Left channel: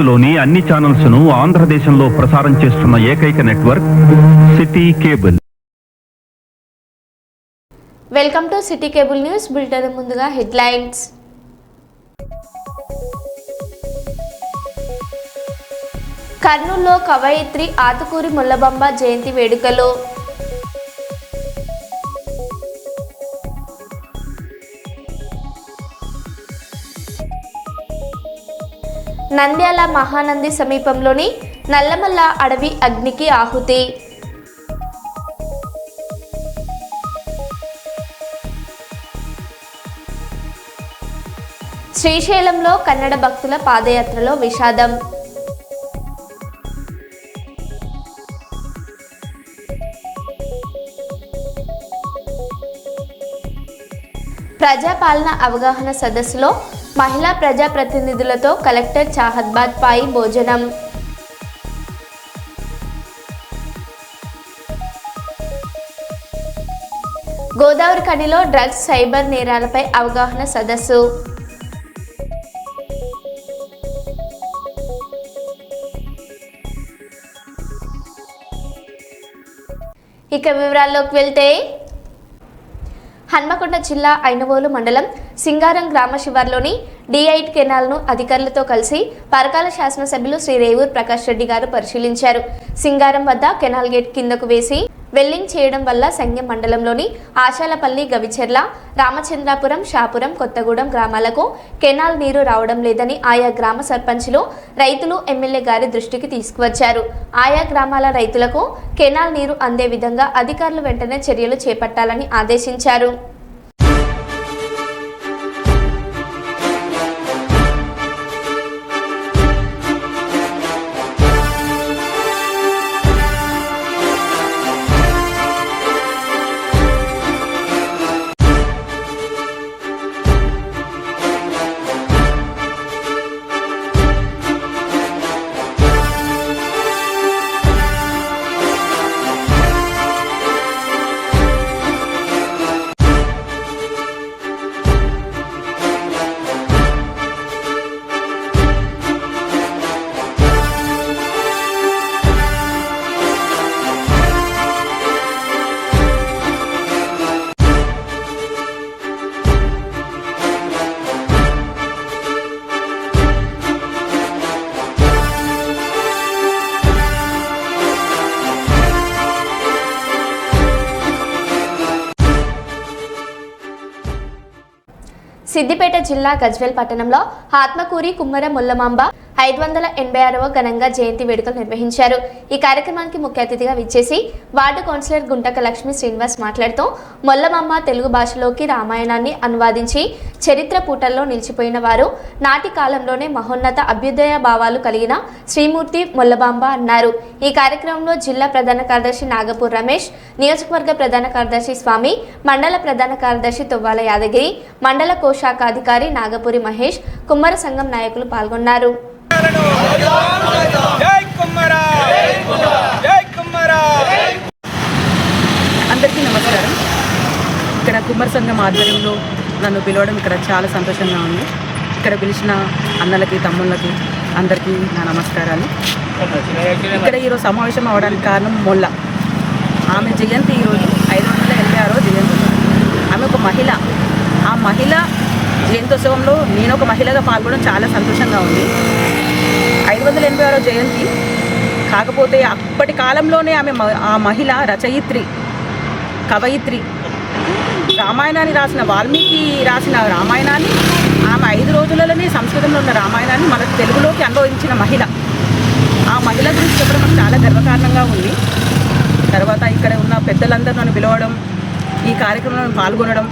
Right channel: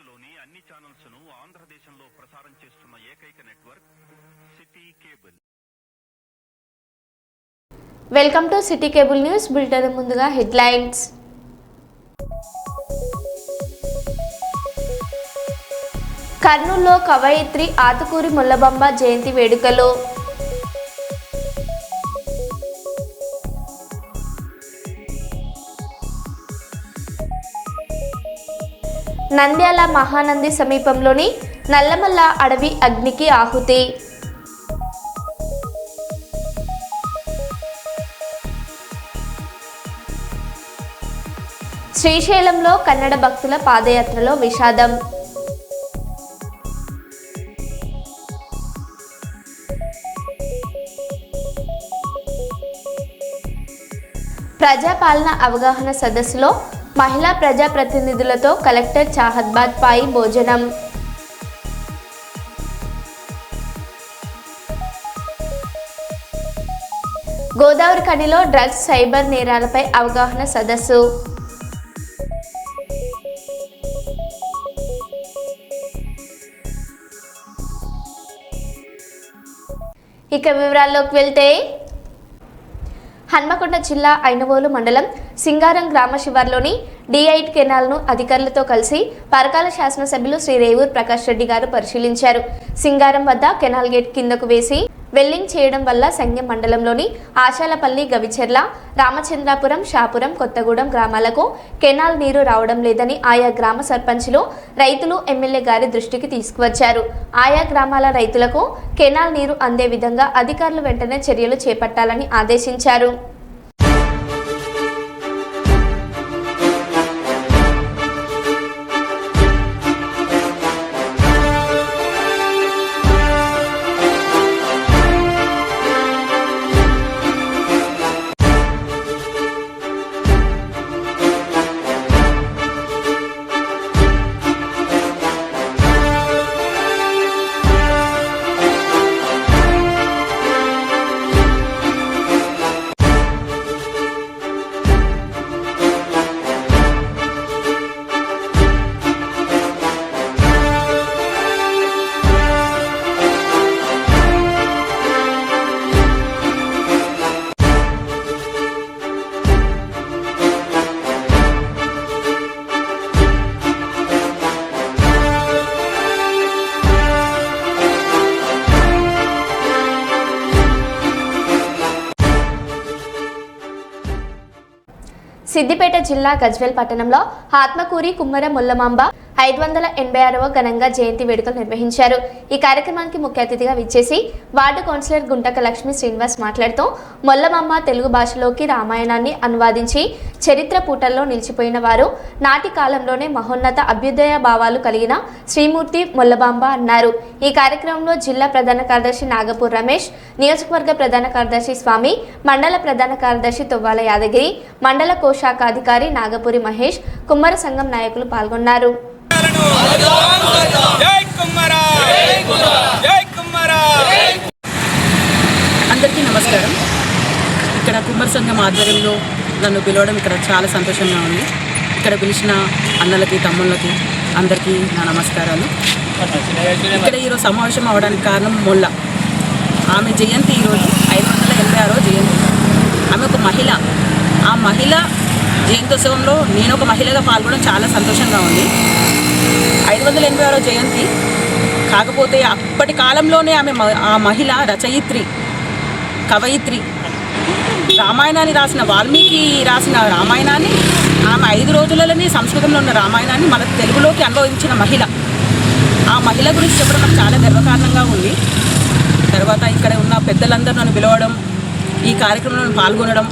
భారత్లోని అన్ని ఛానల్స్ ను ఆంధ్రదేశంలో ప్రసారం చేస్తున్న ఏకైక network city cable. Welcome to city cable news bulletin. ముందుగా హెడ్లైన్స్. కర్నూలులో కవయిత్రి ఆతుకూరి ముల్లబంబ జయంతి వేడుకలు. నంద్యాల మహానంది సమీపంలోని నల్లమల్ల అడవి అగ్నికి ఆహుతి. శ్రీశైలంలో కన్నడ భక్తుల పాదయాత్రలో విషాదం. ప్రజాపాలన అవగాహన సదస్సులో మహిళా ప్రజాప్రతినిధులతో కలెక్టర్ చాహద్బాద్ పాయి భోజనం. గోదావరి ఖనిలో డ్రగ్స్ సైబర్ నేరాలపై అవగాహన సదస్సు. ఇక వివరాల్లోకి వెళ్తే, హన్మకొండ జిల్లా ఐనవోలు మండలం సింగారం గ్రామ శివార్లోని D8 కెనాల్ను అధికారులతో కలిసి పరకాల శాసనసభ్యులు శ్రీ రేవూర్ ప్రకాష్ రెడ్డి గారు పరిశీలించారు. సింగారం వద్ద కెనాల్ గేట్ కిందకు వేసి వెల్లింగ్ చేయడం వల్ల సంగెం మండలంలోని ఆశాలపల్లి, గవిచెర్ల, రామచంద్రాపురం, షాపురం, కొత్తగూడెం గ్రామాలకు కెనాల్ నీరు రావడం లేదని ఆయా గ్రామ సర్పంచులు, రైతులు ఎమ్మెల్యే గారి దృష్టికి తీసుకువచ్చారు. ఆయా గ్రామాల రైతులకు కెనాల్ నీరు అందే విధంగా అధికారులు వెంటనే చర్యలు చేపట్టాలని ఆదేశించారు. సిద్దిపేట జిల్లా గజ్వేల్ పట్టణంలో ఆత్మకూరి కుమ్మర ముల్లమాంబ 586వ ఘనంగా జయంతి వేడుకలు నిర్వహించారు. ఈ కార్యక్రమానికి ముఖ్య అతిథిగా విచ్చేసి వార్డు కౌన్సిలర్ గుంటక లక్ష్మీ శ్రీనివాస్ మాట్లాడుతూ మొల్లమాంబ తెలుగు భాషలోకి రామాయణాన్ని అనువాదించి చరిత్ర పూటల్లో నిలిచిపోయిన వారు, నాటి కాలంలోనే మహోన్నత అభ్యుదయ భావాలు కలిగిన శ్రీమూర్తి మొల్లమాంబ అన్నారు. ఈ కార్యక్రమంలో జిల్లా ప్రధాన కార్యదర్శి నాగపూర్ రమేష్, నియోజకవర్గ ప్రధాన కార్యదర్శి స్వామి, మండల ప్రధాన కార్యదర్శి తొవ్వాల యాదగిరి, మండల కోశాఖాధికారి నాగపూరి మహేష్, కుమ్మరి సంఘం నాయకులు పాల్గొన్నారు. అందరికీ నమస్కారం. ఇక్కడ కుమ్మరి సంఘం ఆధ్వర్యంలో నన్ను పిలవడం ఇక్కడ చాలా సంతోషంగా ఉంది. ఇక్కడ పిలిచిన అన్నలకి, తమ్ముళ్ళకి అందరికీ నా నమస్కారాలు. ఇక్కడ ఈరోజు సమావేశం అవ్వడానికి కారణం మొల్ల. ఆమె జయంతి ఈరోజు 586వ జయంతి. ఆమె ఒక మహిళ. ఆ మహిళ జయంతోత్సవంలో నేను ఒక మహిళగా పాల్గొనడం చాలా సంతోషంగా ఉంది. 586వ జయంతి కాకపోతే అప్పటి కాలంలోనే ఆ మహిళ రచయిత్రి, కవయిత్రి. రామాయణాన్ని రాసిన వాల్మీకి రాసిన రామాయణాన్ని ఆమె 5 రోజులలోనే సంస్కృతంలో ఉన్న రామాయణాన్ని మన తెలుగులోకి అనుభవించిన మహిళ. ఆ మహిళ గురించి చెప్పడం నాకు చాలా గర్వకారణంగా ఉంది. తర్వాత ఇక్కడ ఉన్న పెద్దలందరూ నన్ను పిలవడం, ఈ కార్యక్రమంలో పాల్గొనడం,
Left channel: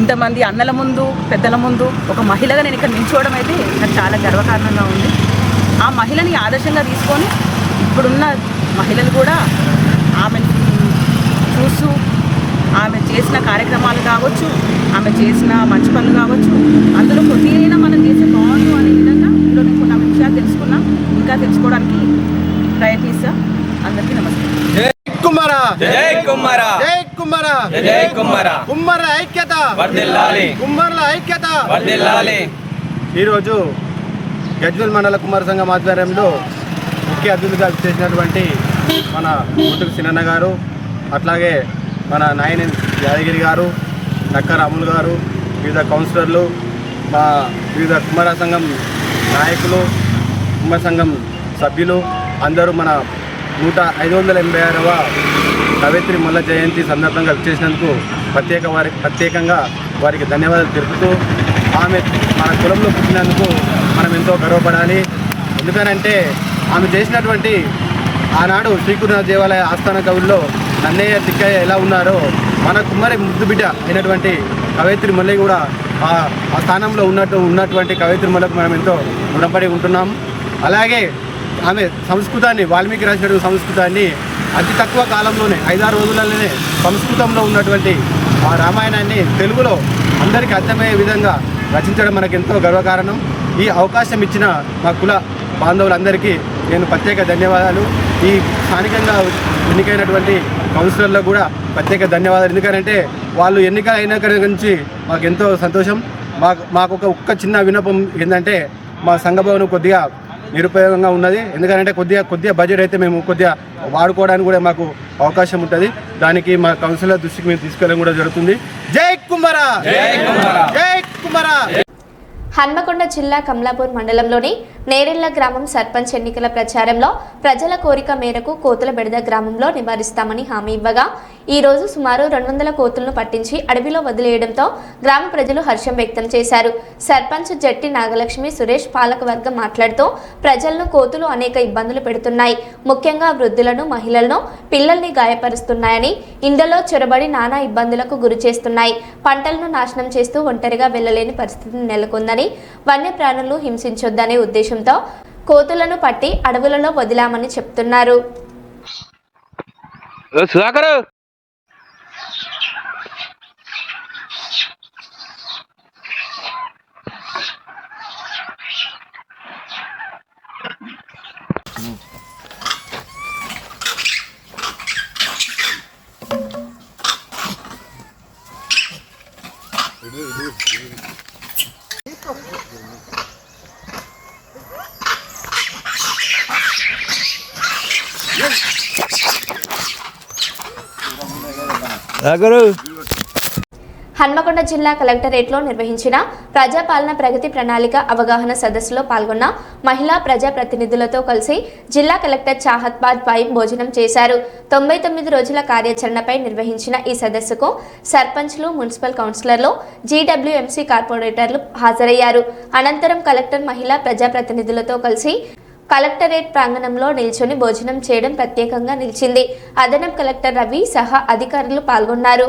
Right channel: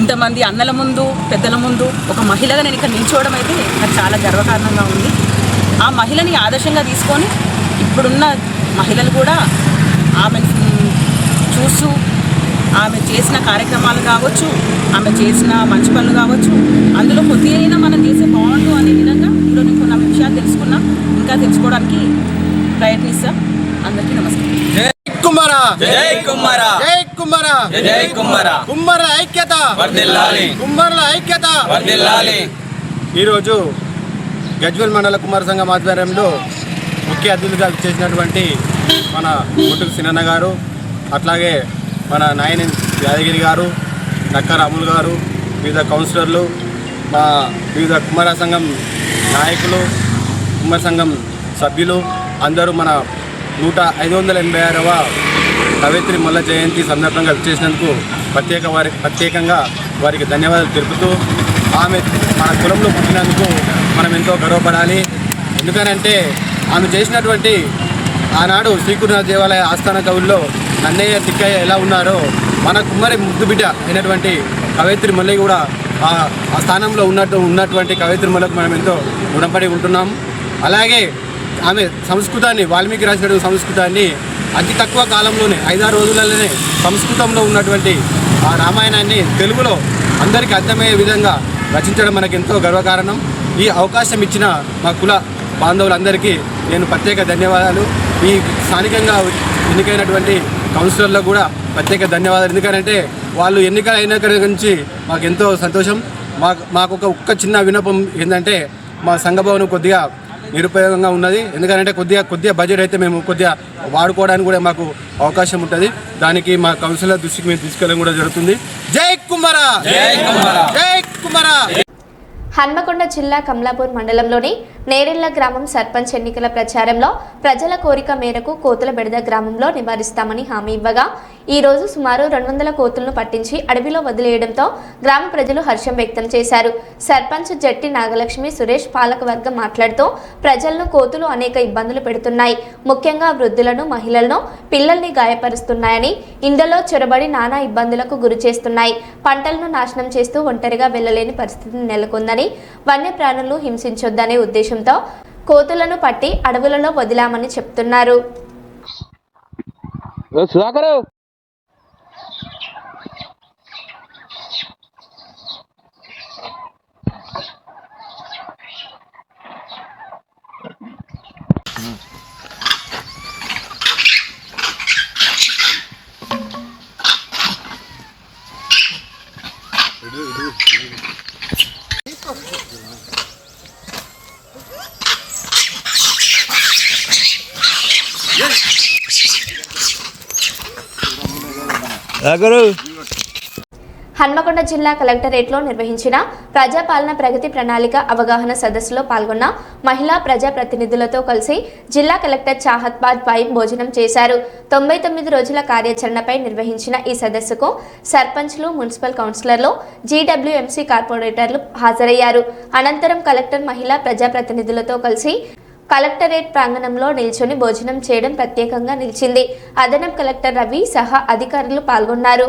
ఇంతమంది అన్నల ముందు, పెద్దల ముందు ఒక మహిళగా నేను ఇక్కడ నిల్చోవడం అయితే నాకు చాలా గర్వకారణంగా ఉంది. ఆ మహిళని ఆదర్శంగా తీసుకొని ఇప్పుడున్న మహిళలు కూడా ఆమెను చూస్తూ ఆమె చేసిన కార్యక్రమాలు కావచ్చు, ఆమె చేసిన మంచి పనులు కావచ్చు, అందులో కొద్దిగా మనం చేసే బాగుండు అనే విధంగా ఈరోజు నేను కొన్ని విషయాలు తెలుసుకున్నా, ఇంకా తెలుసుకోవడానికి ప్రయత్నిస్తా. అందరికీ నమస్కారం. కుమ్మర జై కుమ్మర జై కుమ్మర జై కుమ్మర కుమ్మర ఐక్యత వర్ధిల్లాలి కుమ్మర్ల ఐక్యత వర్ధిల్లాలి. ఈరోజు గజ్వేల్ మండల కుమార సంఘం ఆధ్వర్యంలో ముఖ్య అతిథులుగా చేసినటువంటి మన గుంటుకు సినన్న గారు, అట్లాగే మన నాయని యాదగిరి గారు, నక్కర అమూల్ గారు, వివిధ కౌన్సిలర్లు, మా వివిధ కుమార సంఘం నాయకులు, కుమార సంఘం సభ్యులు అందరూ మన 586వ కవయిత్రి మొల్ల జయంతి సందర్భంగా చేసినందుకు ప్రత్యేకంగా వారికి ధన్యవాదాలు తెలుపుతూ, ఆమె మన కులంలో పుట్టినందుకు మనం ఎంతో గర్వపడాలి. ఎందుకనంటే ఆమె చేసినటువంటి ఆనాడు శ్రీకృష్ణ దేవాలయ ఆస్థాన కవుల్లో నన్నయ్య తిక్కయ్య ఎలా ఉన్నారో మన కుమ్మరి ముద్దు బిడ్డ అయినటువంటి కవయిత్రి మొల్ల కూడా ఆ స్థానంలో ఉన్నటువంటి కవయిత్రి మొల్లకు మనం ఎంతో రుణపడి ఉంటున్నాం. అలాగే ఆమె సంస్కృతాన్ని, వాల్మీకి రాసినటువంటి సంస్కృతాన్ని అతి తక్కువ కాలంలోనే 5-6 రోజులలోనే సంస్కృతంలో ఉన్నటువంటి ఆ రామాయణాన్ని తెలుగులో అందరికీ అర్థమయ్యే విధంగా రచించడం మనకు ఎంతో గర్వకారణం. ఈ అవకాశం ఇచ్చిన మా కుల బాంధవులందరికీ నేను ప్రత్యేక ధన్యవాదాలు. ఈ స్థానికంగా ఎన్నికైనటువంటి కౌన్సిలర్లకు కూడా ప్రత్యేక ధన్యవాదాలు. ఎందుకంటే వాళ్ళు ఎన్నికలు అయిన నుంచి మాకు ఎంతో సంతోషం. మాకు ఒక్క చిన్న విన్నపం ఏంటంటే, మా సంఘభవనం కొద్దిగా నిరుపయోగంగా ఉన్నది. ఎందుకంటే కొద్దిగా బడ్జెట్ అయితే మేము కొద్దిగా వాడుకోవడానికి కూడా మాకు అవకాశం ఉంటుంది. దానికి మా కౌన్సిలర్ దృష్టికి మేము తీసుకెళ్ళడం కూడా జరుగుతుంది. జై కుమారా, జై కుమారా. హన్మకొండ జిల్లా కమలాపూర్ మండలంలోని నేరెళ్ల గ్రామం సర్పంచ్ ఎన్నికల ప్రచారంలో ప్రజల కోరిక మేరకు కోతుల బెడద గ్రామంలో నివారిస్తామని హామీ ఇవ్వగా ఈ రోజు సుమారు 200 కోతులను పట్టించి అడవిలో వదిలేయడంతో గ్రామ ప్రజలు హర్షం వ్యక్తం చేశారు. సర్పంచ్ జట్టి నాగలక్ష్మి సురేష్ పాలకవర్గం మాట్లాడుతూ ప్రజలను కోతులు అనేక ఇబ్బందులు పెడుతున్నాయి, ముఖ్యంగా వృద్ధులను, మహిళలను, పిల్లల్ని గాయపరుస్తున్నాయని, ఇందులో చొరబడి నానా ఇబ్బందులకు గురి చేస్తున్నాయి, పంటలను నాశనం చేస్తూ ఒంటరిగా వెళ్లలేని పరిస్థితి నెలకొందని, వన్యప్రాణులను హింసించొద్దనే ఉద్దేశంతో కోతులను పట్టి అడవులలో వదిలామని చెప్తున్నారు. హన్మకొండ జిల్లా కలెక్టరేట్లో నిర్వహించిన ప్రజాపాలన ప్రగతి ప్రణాళిక అవగాహన సదస్సులో పాల్గొన్న మహిళా ప్రజాప్రతినిధులతో కలిసి జిల్లా కలెక్టర్ చాహత్ బాద్ వైబ్ భోజనం చేశారు. 99 రోజుల కార్యాచరణపై నిర్వహించిన ఈ సదస్సుకు సర్పంచ్లు, మున్సిపల్ కౌన్సిలర్లు, జీడబ్ల్యూఎంసీ కార్పొరేటర్లు హాజరయ్యారు. అనంతరం కలెక్టర్ మహిళా ప్రజాప్రతినిధులతో కలిసి కలెక్టరేట్ ప్రాంగణంలో నిల్చొని భోజనం చేయడం ప్రత్యేకంగా నిలిచింది. అదనపు కలెక్టర్ రవి సహా అధికారులు పాల్గొన్నారు.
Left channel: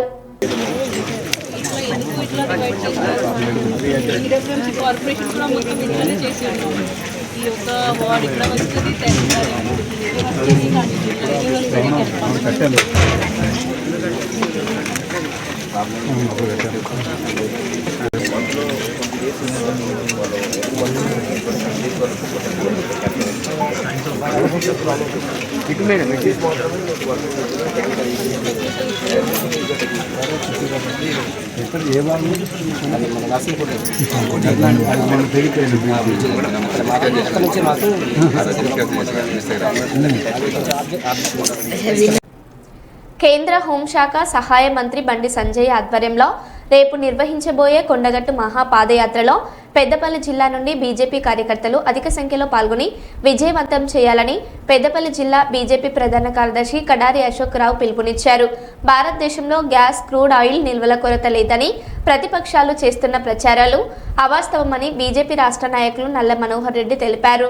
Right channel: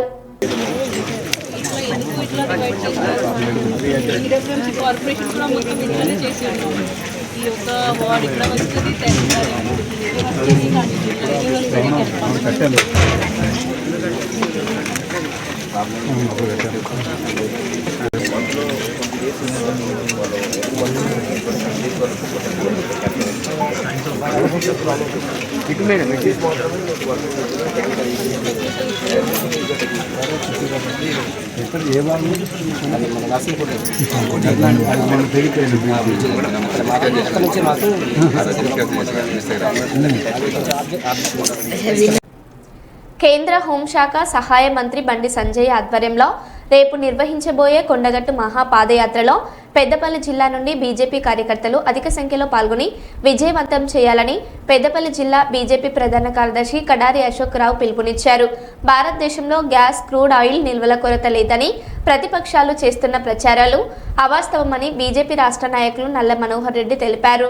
కేంద్ర హోంశాఖ సహాయ మంత్రి బండి సంజయ్ ఆధ్వర్యంలో రేపు నిర్వహించబోయే కొండగట్టు మహాపాదయాత్రలో పెద్దపల్లి జిల్లా నుండి బీజేపీ కార్యకర్తలు అధిక సంఖ్యలో పాల్గొని విజయవంతం చేయాలని పెద్దపల్లి జిల్లా బీజేపీ ప్రధాన కార్యదర్శి కడారి అశోక్ రావు పిలుపునిచ్చారు. భారతదేశంలో గ్యాస్, క్రూడ్ ఆయిల్ నిల్వల కొరత లేదని ప్రతిపక్షాలు చేస్తున్న ప్రచారాలు అవాస్తవమని బీజేపీ రాష్ట్ర నాయకులు నల్ల మనోహర్ రెడ్డి తెలిపారు.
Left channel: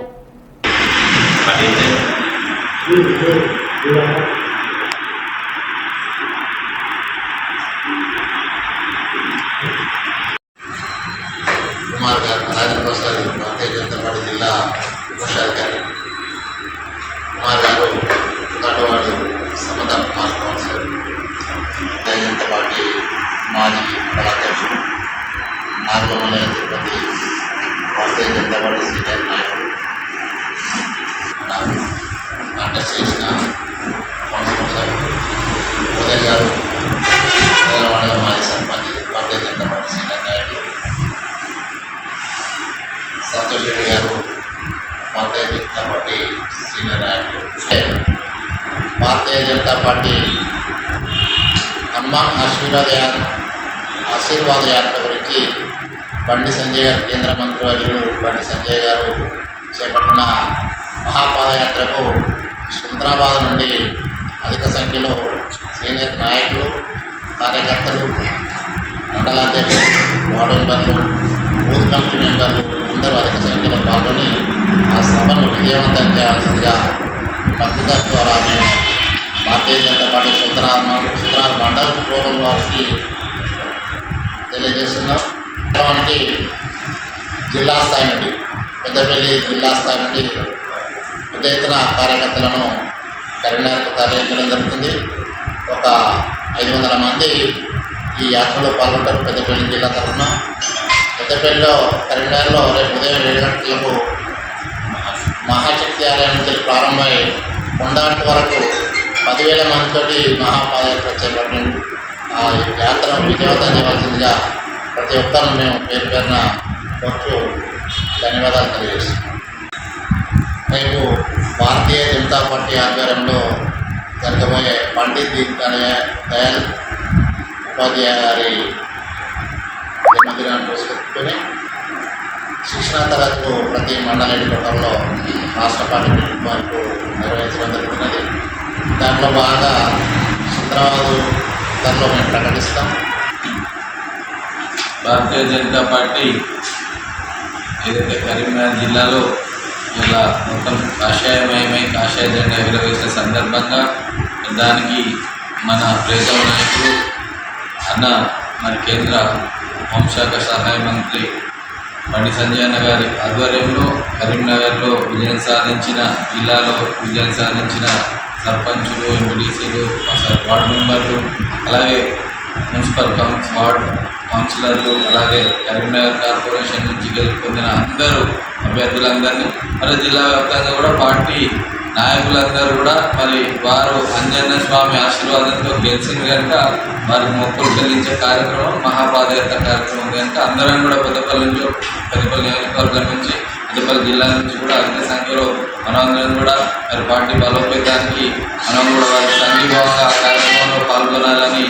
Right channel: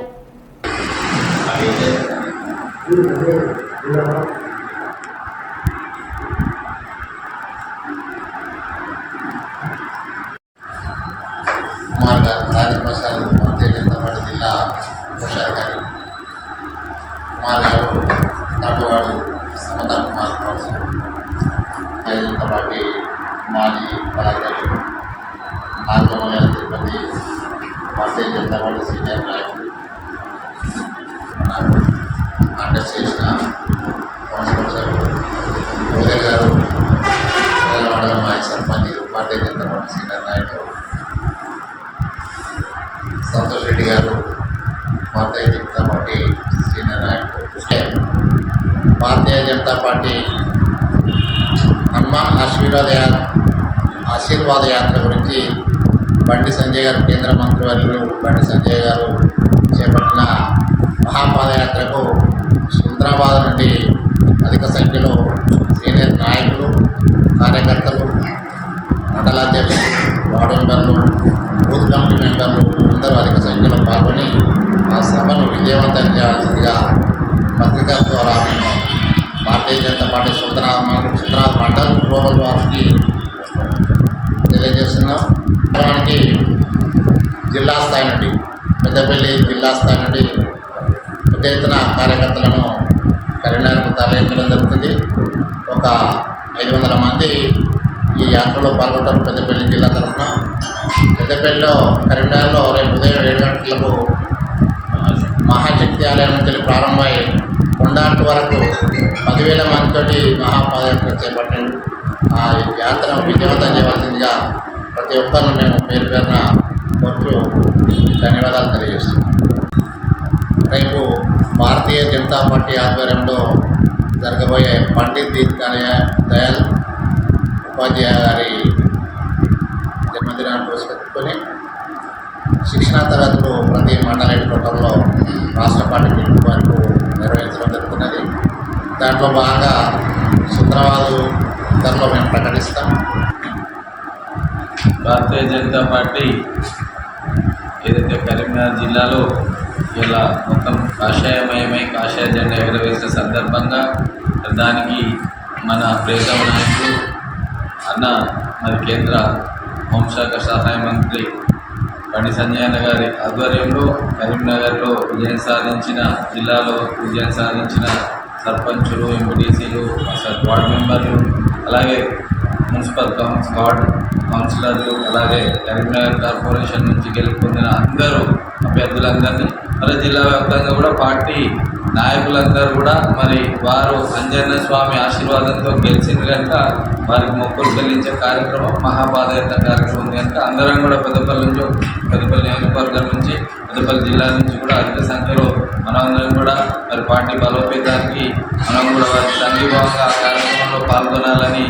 भारतीय जनता पार्टी जिला कोषाधिकारी कुमार नाटवाड़ समाधान कुमार कौंसिलर भारतीय जनता पार्टी माजी कलाध्यक्षుడు నాగమల్ల తిరుపతి भारतीय जनता पार्टी सीनियर నాయకుడు అండర్ చేసిన కౌన్సిలర్ సభ్యులు ఉదయ్ గారు, మాజీ సర్పంచ్ भारतीय जनता पार्टी సీనియర్ నాయకుడు సంతోష్ రెడ్డి గారు, భారతీయ జనతా పార్టీ హనుమాన్ ఆశీర్వాద యాత్ర గురించి బండి సంజయ్ గారు, కేంద్ర మంత్రివర్యులు బండి సంజయ్ గారు చేపట్టిన మహాపాదయాత్రకు సికింద్రాబాద్ నుండి అధిక సంఖ్యలో సీనియర్ నాయకులు, కార్యకర్తలు, మండలాధ్యక్షులు, వార్డు మెంబర్లు, బూత్ కమిటీ మెంబర్లు అందరూ అధిక సంఖ్యలో పాల్గొని ఆ సభను విజయవంతం చేయాల్సిందిగా పత్రికా ద్వారా మేము భారతీయ జనతా పార్టీ సుందరాబాద్ మండల్ గ్లోబల్ వారికి తెలియజేస్తున్నాం. వాస్తవానికి జిల్లా స్థాయి నుండి, పెద్దపల్లి జిల్లా స్థాయి నుండి పెద్ద ఎత్తున కార్యకర్తలను కరీంనగర్కు తరలించడం జరుగుతుంది. ఒక 500 మంది ఈ యాత్రలో పాల్గొంటారు పెద్దపల్లి జిల్లా తరఫున. పెద్దపల్లిలో కరీంనగర్లో రేపు ఉదయం 7 గంటలకు మహాశక్తి ఆలయం నుంచి ప్రారంభమై కొండాటి వరకు 10,000 మందితోటి మహాపాదయాత్ర చేపట్టింది. ఆ యాత్రను విజయవంతం చేయవలసిందిగా ప్రతి ఒక్కరిని మేము పేరు పేరున కోరుతూ ధన్యవాదాలు తెలియజేస్తున్నాం. రేపు భారతీయ జనతా పార్టీ ఆధ్వర్యంలో జరగబోయే పండిత్ దీన్ దయాళ్ ఉపాధ్యాయ గారి జన్మదినాన్ని పురస్కరించుకొని శిక్షణా తరగతులు ప్రతి మండల హెడ్క్వార్టర్లో రాష్ట్ర పార్టీ పిలుపు నిర్వహించడం జరుగుతున్నది. దాంట్లో భాగంగా సికింద్రాబాద్ దాంట్లో మేము ప్రకటిస్తాం. భారతీయ జనతా పార్టీ ఏదైతే కరీంనగర్ జిల్లాలో ఇలా మొత్తం కాషాయమయమై కాషాయ జెండా ఎగురవేసిన సందర్భంగా దానికి మన ప్రియతమ నాయకులు అన్న మరి కేంద్ర హోంశాఖ సహాయ మంత్రి బండి సంజయ్ అన్న గారి ఆధ్వర్యంలో కరీంనగర్లో విజయం సాధించిన, జిల్లాలో విజయం సాధించిన సర్పంచులు, ఎంపీటీసీలు, వార్డు మెంబర్లు, అలాగే మున్సిపల్ వార్డ్ కౌన్సిలర్లు, అలాగే కరీంనగర్ కార్పొరేషన్ నుంచి గెలుపొందిన అందరూ అభ్యర్థులందరినీ మరి జిల్లా వ్యాప్తంగా కూడా పార్టీ నాయకులందరూ కూడా మరి వారు అంజన్న స్వామి ఆశీర్వాదంతో గెలిచిన కనుక వారికి మొక్కులు చెల్లించే కార్యక్రమం మహాపాదయాత్ర కార్యక్రమం కనుక అందరం కూడా పెద్దపల్లి నియోజకవర్గం నుంచి, పెద్దపల్లి జిల్లా నుంచి కూడా అధిక సంఖ్యలో మనమందరం కూడా మరి పార్టీ బలోపేతానికి మనం కూడా వారి సంఘీభావంగా ఆ కార్యక్రమంలో పాల్గొనాలని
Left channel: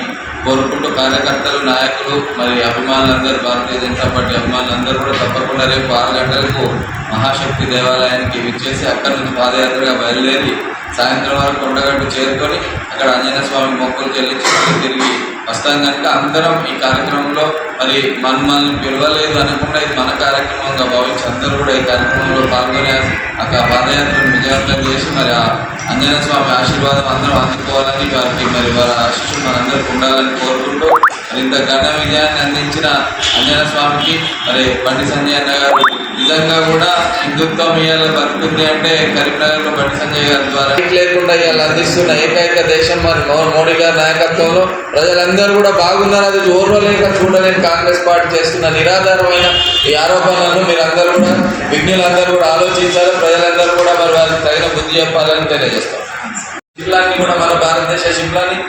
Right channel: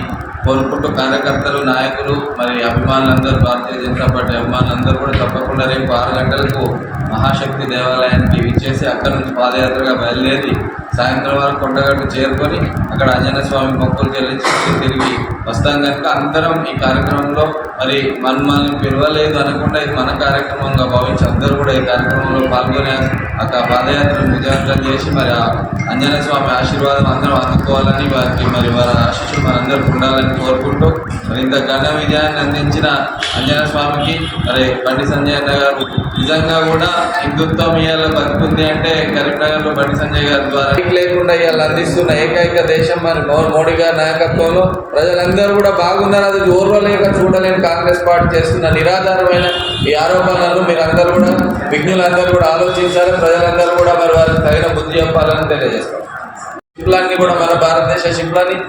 కోరుకుంటూ కార్యకర్తలు, నాయకులు, మరి అభిమానులందరూ, భారతీయ జనతా పార్టీ అభిమానులందరూ కూడా తప్పకుండా రేపు 6 గంటలకు మహాశక్తి దేవాలయానికి విచ్చేసి అక్కడి నుంచి పాదయాత్రగా బయలుదేరి సాయంత్రం వరకు కొండగట్టు చేరుకొని అక్కడ ఆంజనేయ స్వామి మొక్కులు చెల్లించి తిరిగి వస్తాం కనుక అందరం ఈ కార్యక్రమంలో మరి మనల్ని పిలవలేదు అనుకుంటే ఇది మన కార్యక్రమంగా భావించి అందరూ కూడా ఈ కార్యక్రమంలో పాల్గొని అక్కడ పాదయాత్రను విజయవంతం చేసి మరి ఆ ఆంజనేయ స్వామి ఆశీర్వాదం అందరం అందుకోవాలని, వారికి మరి వారి ఆశీస్సులు మనందరికీ ఉండాలని కోరుకుంటూ మరి ఇంత ఘన విజయాన్ని అందించిన ఆంజనేయ స్వామికి మరి బండి సంజయ్ అన్న గారు నిజంగా కూడా హిందుత్వం ఇవాళ బతుకుంది అంటే కరీంనగర్లో బండి సంజయ్ గారి ద్వారా లేకుండా ఇవాళ అందిస్తున్న ఏకైక దేశం మరి మోడీ గారి నాయకత్వంలో ప్రజలందరూ కూడా బాగున్నారు. అది ఓర్వలేక చూడలేని కాంగ్రెస్ పార్టీ చేస్తున్న నిరాధారమైన ఈ ఆరోపణలను మీరందరూ కూడా విజ్ఞులందరూ కూడా ఆలోచించాలి. ప్రజలందరూ కూడా మరి వారికి తగిన బుద్ధి చెప్పాలని తెలియజేస్తాం. షిప్లాన్ని కూడా మన భారతదేశ షిప్లాన్ని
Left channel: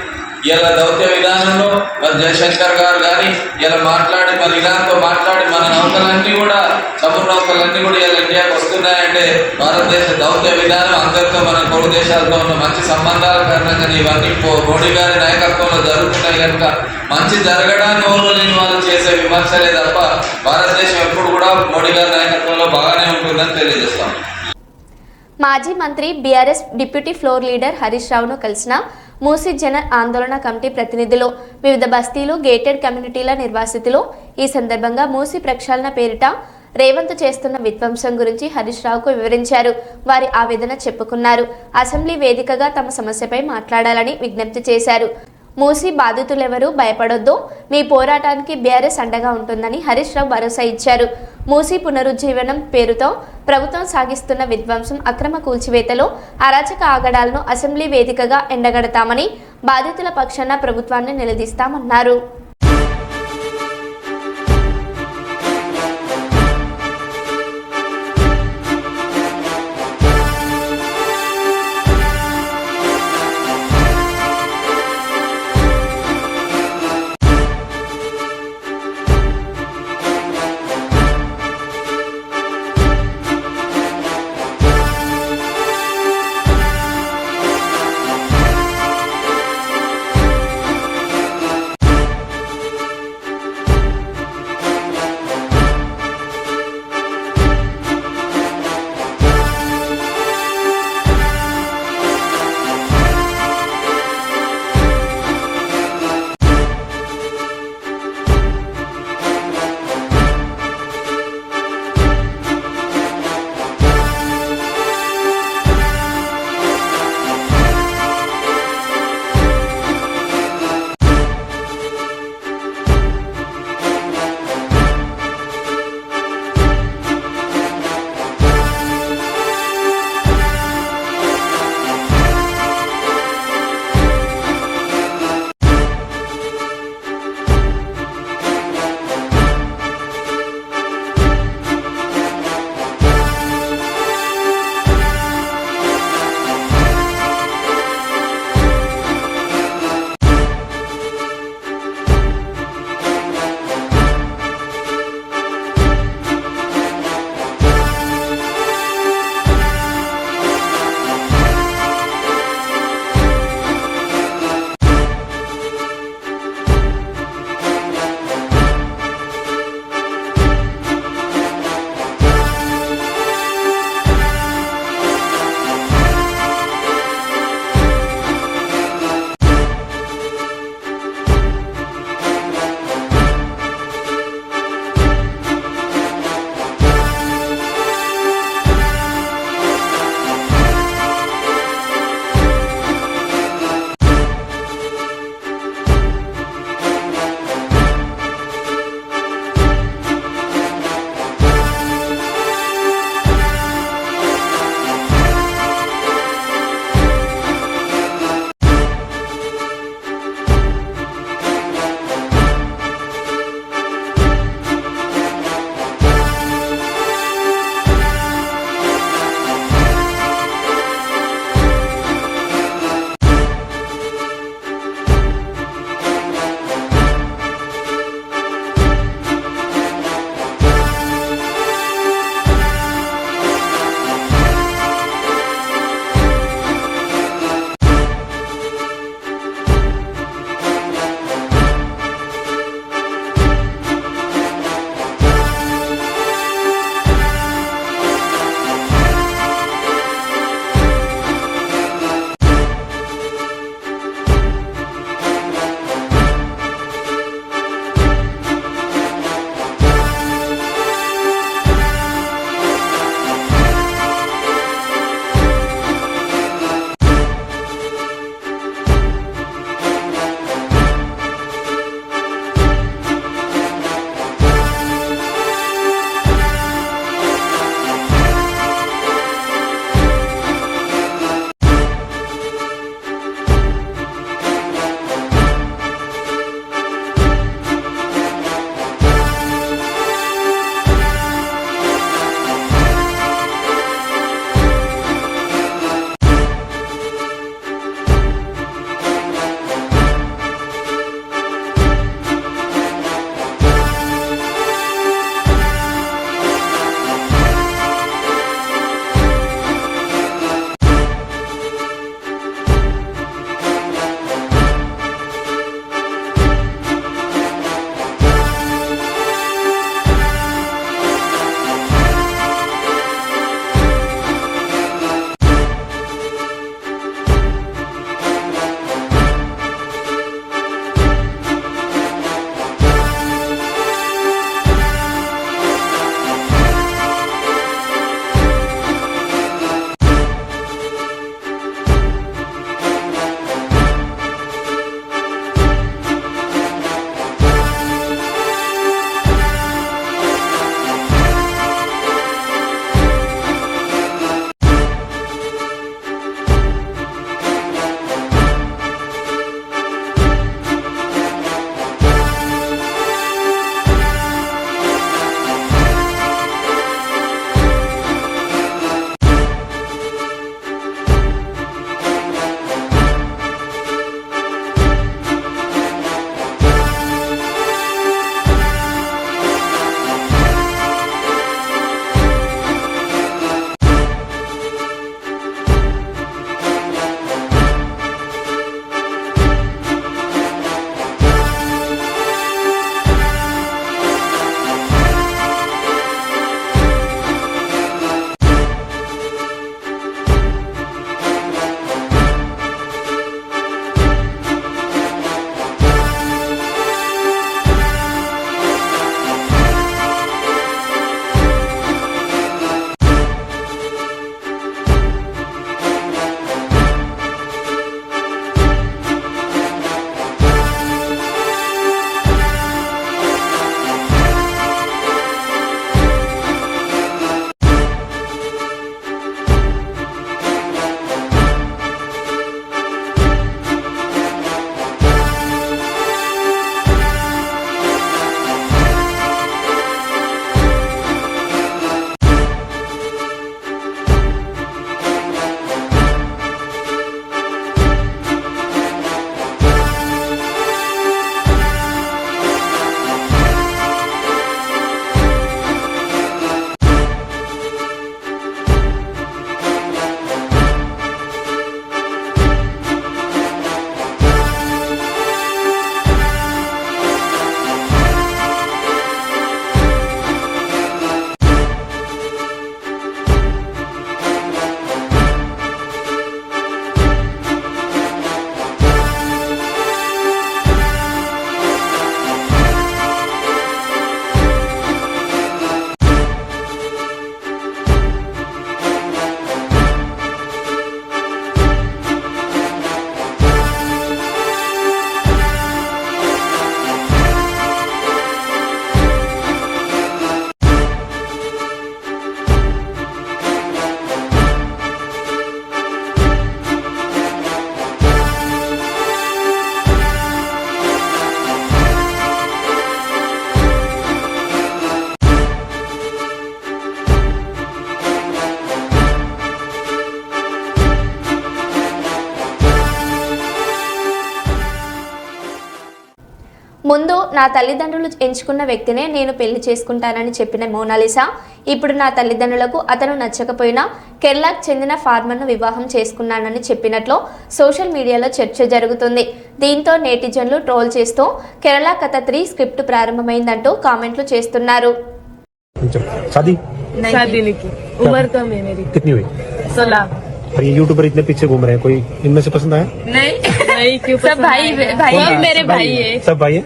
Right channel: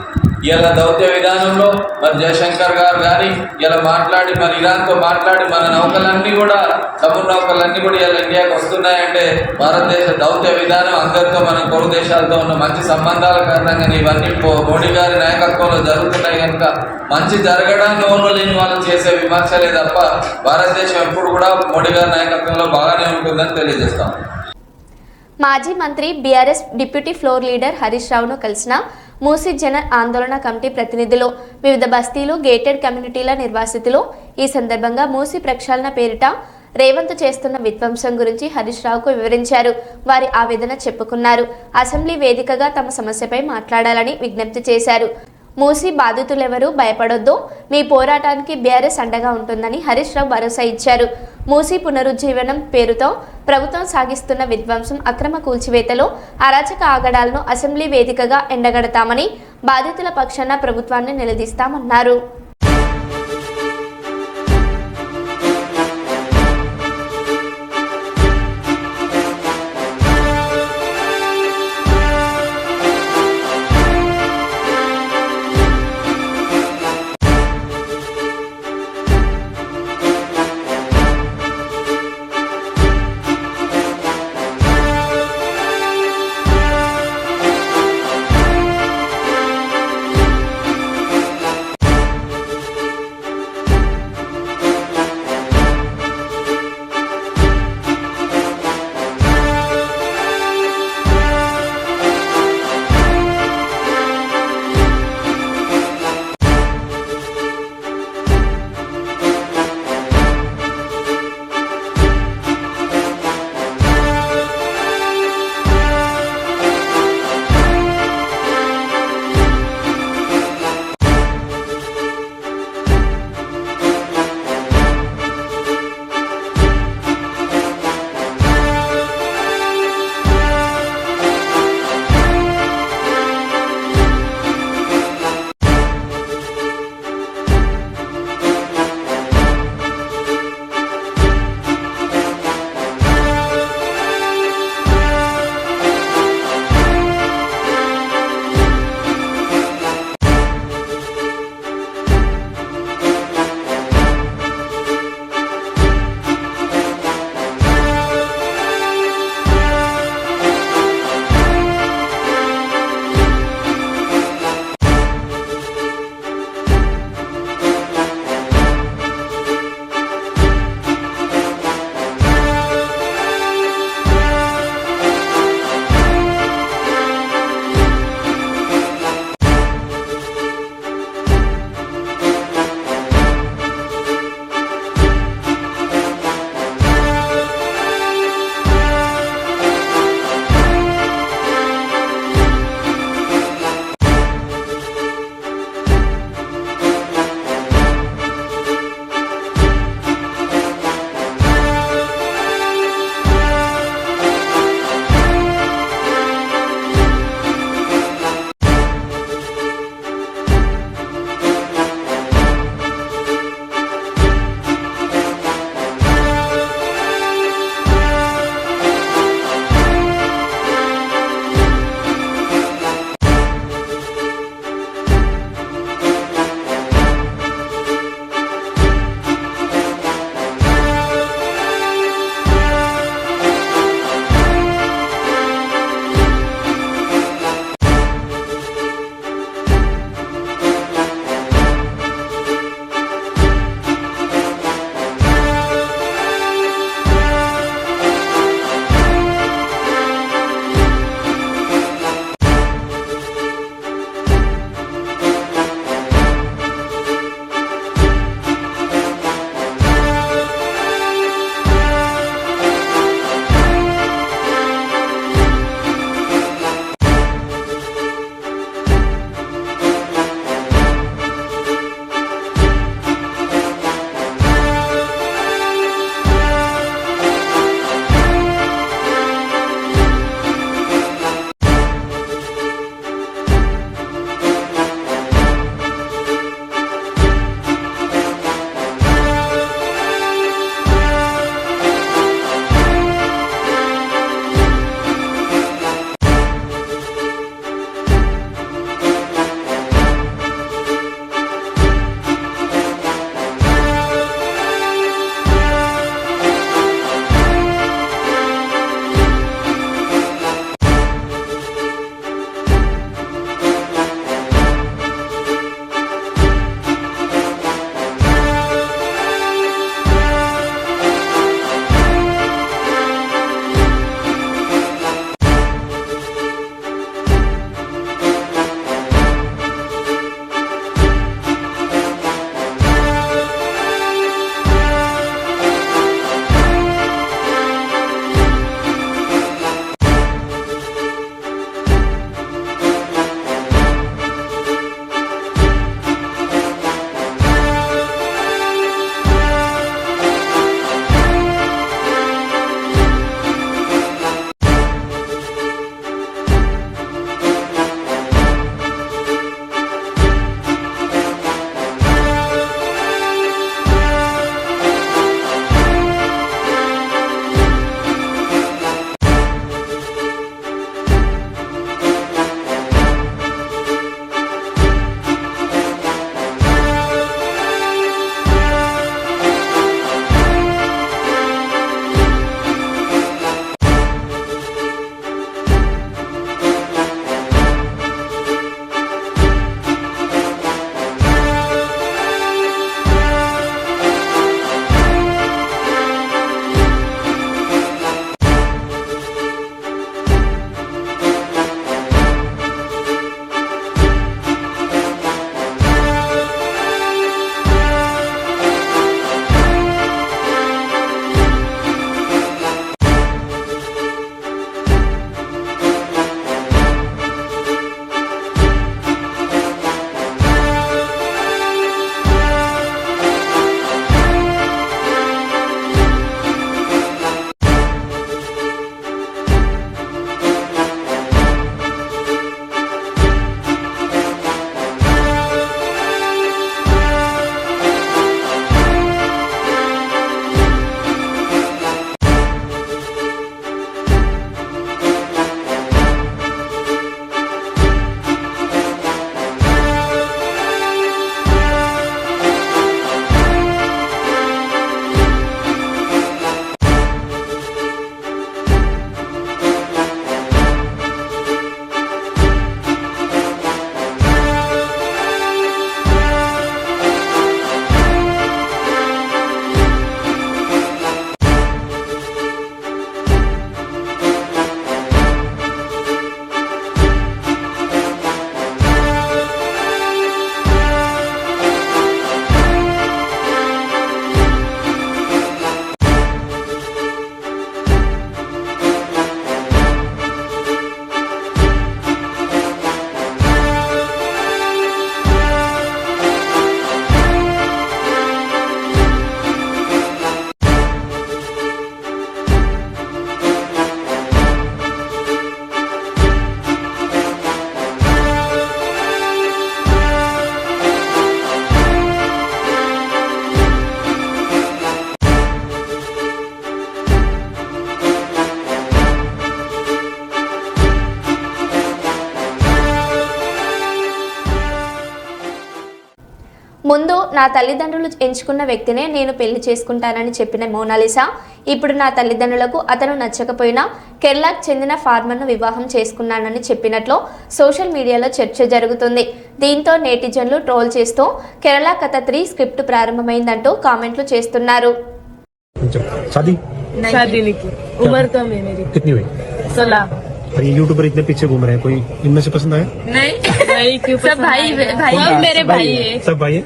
ఇలా దౌత్య విధానంలో మరి జయశంకర్ గారు కానీ ఇలా మాట్లాడి మరి ఇరాన్తో మాట్లాడి మన నౌకలన్నీ కూడా సముద్ర నౌకలన్నీ కూడా ఇలా ఇండియాకి వస్తున్నాయంటే భారతదేశ దౌత్య విధానం అందరితో మన పొరుగు దేశాలతో ఉన్న మంచి సంబంధాల కారణంగా ఇవన్నీ మోడీ గారి నాయకత్వంలో జరుగుతున్నాయి కనుక మంచి జరగడాన్ని ఓర్వలేని వాళ్ళు చేసే విమర్శలే తప్ప భారతదేశం ఎప్పుడు కూడా మోడీ గారి నాయకత్వంలో బాగానే ఉంటుందని తెలియజేస్తాం. మాజీ మంత్రి BRS deputy floor leader Harish రావును కలిసిన మూసీ జన ఆందోళన కమిటీ ప్రతినిధులు వివిధ బస్తీలు, గేటెడ్ కమ్యూనిటీల నిర్వాసితులు. ఈ సందర్భంగా మూసీ ప్రక్షాళన పేరిట రేవంత్ చేస్తున్న విధ్వంసం గురించి హరీష్ రావుకు వివరించారు. వారి ఆవేదన చెప్పుకున్నారు. అసెంబ్లీ వేదికగా తమ సమస్యపై మాట్లాడాలని విజ్ఞప్తి చేశారు. మూసీ బాధితులెవరూ భయపడొద్దు, మీ పోరాటానికి బీఆర్ఎస్ అండగా ఉంటుందని హరీష్ రావు భరోసా ఇచ్చారు. మూసీ పునరుజ్జీవనం పేరుతో ప్రభుత్వం సాగిస్తున్న విధ్వంసం, అక్రమ కూల్చివేతలో అరాచక ఆగడాలను అసెంబ్లీ వేదికగా ఎండగడతామని, బాధితుల పక్షాన ప్రభుత్వాన్ని నిలదీస్తామన్నారు. నా తల్లిదండ్రులు ఎంచుకున్న వ్యక్తినే నేను పెళ్లి చేసుకుంటానని చెప్పిన మోనాలిసా ఇప్పుడు నా తల్లిదండ్రులకు అతను నచ్చకపోయినా కేరళకు చెందిన ఫార్మర్ను వివాహం చేసుకున్నానని చెప్పినట్లు సోషల్ మీడియాలో చర్చ జరుగుతుంది. దీంతో నేటిజన్లు ట్రోల్ చేస్తూ కేరళ కథ 3 స్క్రిప్ట్ ప్రారంభమైందంటూ కామెంట్లు చేస్తున్నారు. शादी शादी नहीं की, उम्र कम है मेरी, कितनी हुई? 16। और ये यूट्यूबर इतने पीछे घूम रहे हैं, कोई इनमें से पसंद आया? नहीं क्यों, सब भाई सब मेरे भाई है। सब भाई है?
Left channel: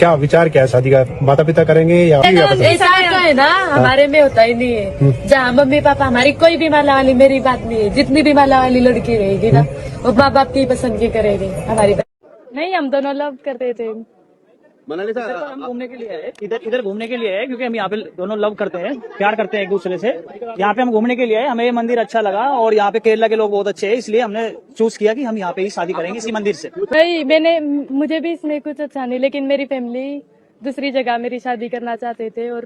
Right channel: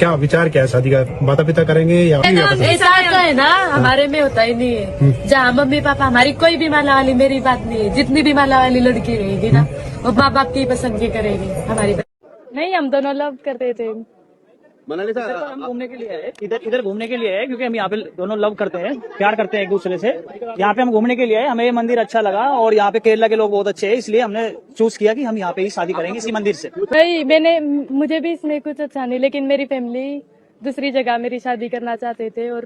क्या विचार क्या है शादी का? माता पिता करेंगे या ऐसा तो है ना, हमारे में होता ही नहीं है। जहाँ मम्मी पापा हमारी कोई भी माला वाली मेरी बात नहीं है, जितनी भी माला वाली लड़की रहेगी ना वो माँ बाप की पसंद की करेगी हमारी। नहीं, हम दोनों लव करते थे। मोनालिसा हम घूमने के लिए है, इधर घूमने के लिए है, क्योंकि हम यहाँ पे दोनों लव करते हैं, प्यार करते हैं एक दूसरे से। यहाँ पे हम घूमने के लिए है, हमें ये मंदिर अच्छा लगा और यहाँ पे केरला के लोग बहुत अच्छे हैं, इसलिए हमने चूज किया कि हम यहाँ पे ही शादी करेंगे इसी मंदिर से। मुझे भी इसमें कुछ अच्छा नहीं, लेकिन मेरी फैमिली दूसरी जगह मेरी शादी करना चाहते थे और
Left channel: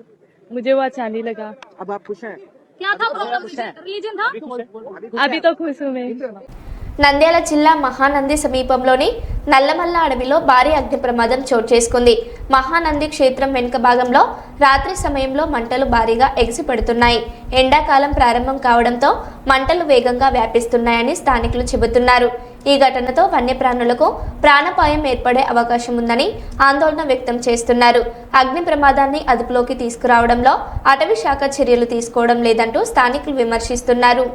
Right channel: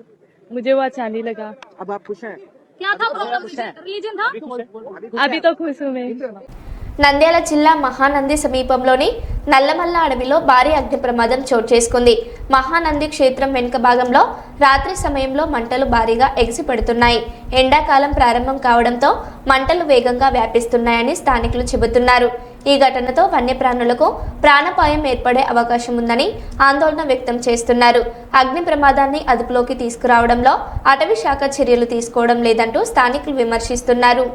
मुझे वो अच्छा नहीं लगा। अब आप खुश हैं? क्या था प्रॉब्लम? रिलीजन था? अभी तो खुश हूँ मैं। నంద్యాల జిల్లా మహానంది సమీపంలోని నల్లమల్ల అడవిలో భారీ అగ్ని ప్రమాదం చోటు చేసుకుంది. మహానంది క్షేత్రం వెనుక భాగంలో రాత్రి సమయంలో మంటలు భారీగా ఎగిసిపడుతున్నాయి. ఎండాకాలం ప్రారంభం కావడంతో మంటలు వేగంగా వ్యాపిస్తున్నాయని స్థానికులు చెబుతున్నారు. ఈ ఘటనతో వన్యప్రాణులకు ప్రాణాపాయం ఏర్పడే అవకాశం ఉందని ఆందోళన వ్యక్తం చేస్తున్నారు. అగ్ని ప్రమాదాన్ని అదుపులోకి తీసుకురావడంలో అటవీ శాఖ చర్యలు తీసుకోవడం లేదంటూ స్థానికులు విమర్శిస్తున్నారు.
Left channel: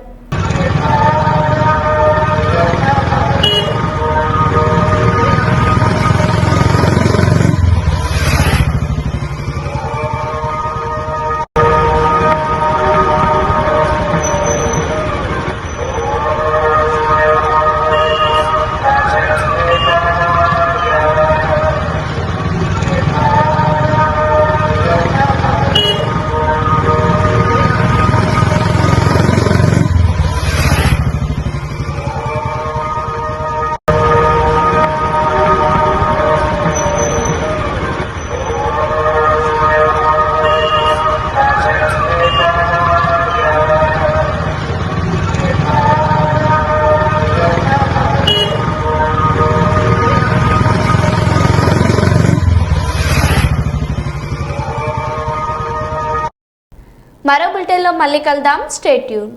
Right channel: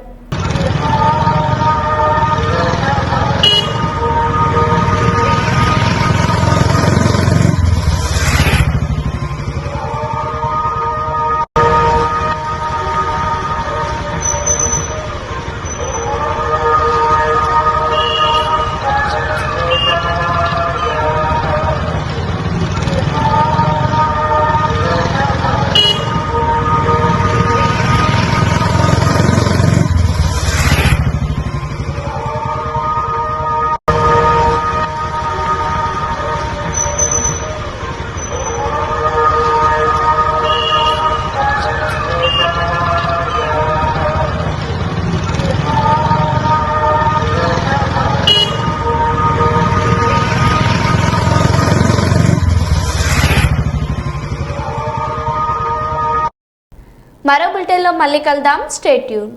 మరో బులెటిన్లో మళ్ళీ కలుద్దాం. Stay tune.